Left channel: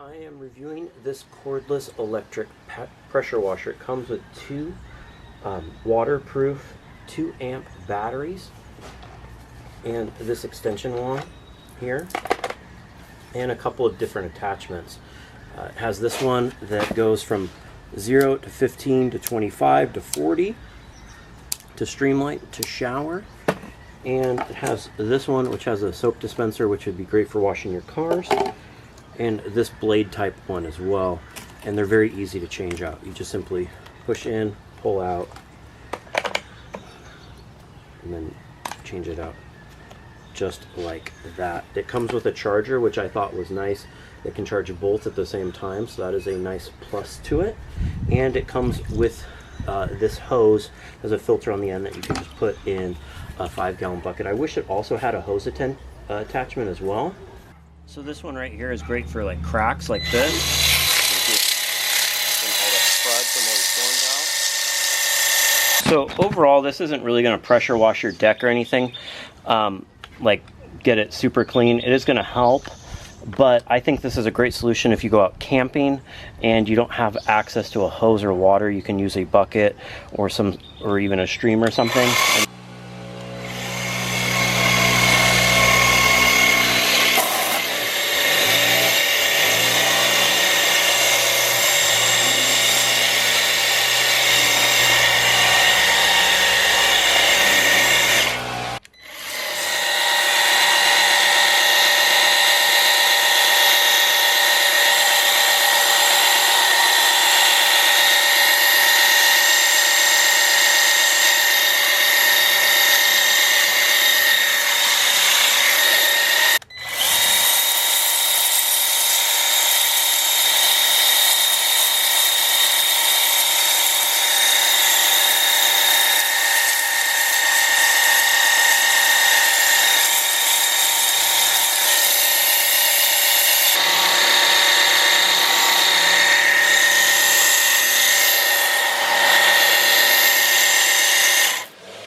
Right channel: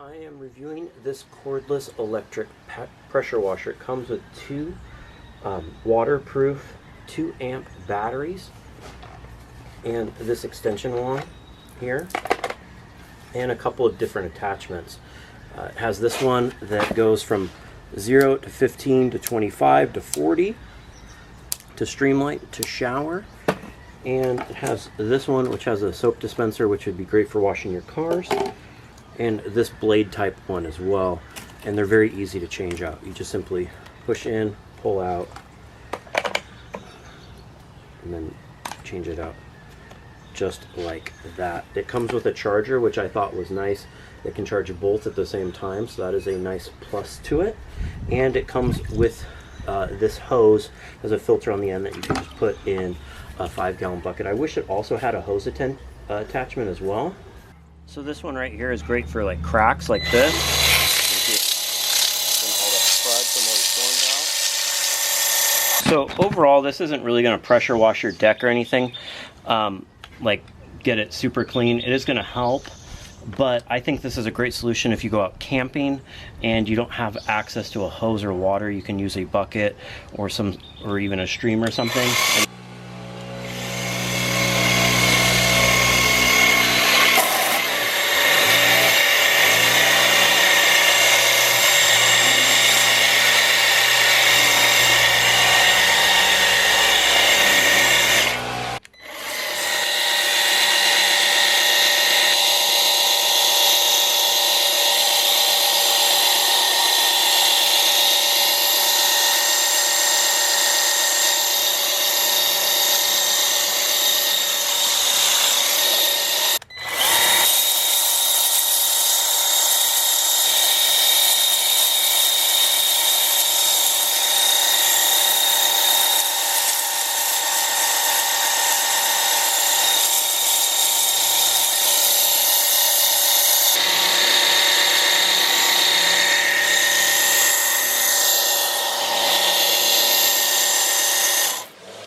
I am reviewing this cordless electric pressure washer. It comes with two waterproof 2-amp batteries and this extension wand here and a couple of different attachments. It has this one that goes from 0 to 15 to 25 to 40 to streamlight to shower, and it has this one which has a soap dispenser, which would be great for washing your cars, and this blade type one as well, and they're very easy to change out. You just simply push in, pull out, and then change it out just like that. It comes with a charger, which I thought was nice. It can charge both at the same time, so that is a nice plus to it. And it comes with this hose. There's a filter on the end that you can just put in a 5-gallon bucket. I wish it also had a hose attachment as well. So this one right here is great for like cracks like this. So overall, this isn't really going to pressure wash your deck or anything, like get it super clean. It is going to help, but I think this is a great solution if you go out camping and you don't have access to a hose or water. You can use a bucket or even a stream or something and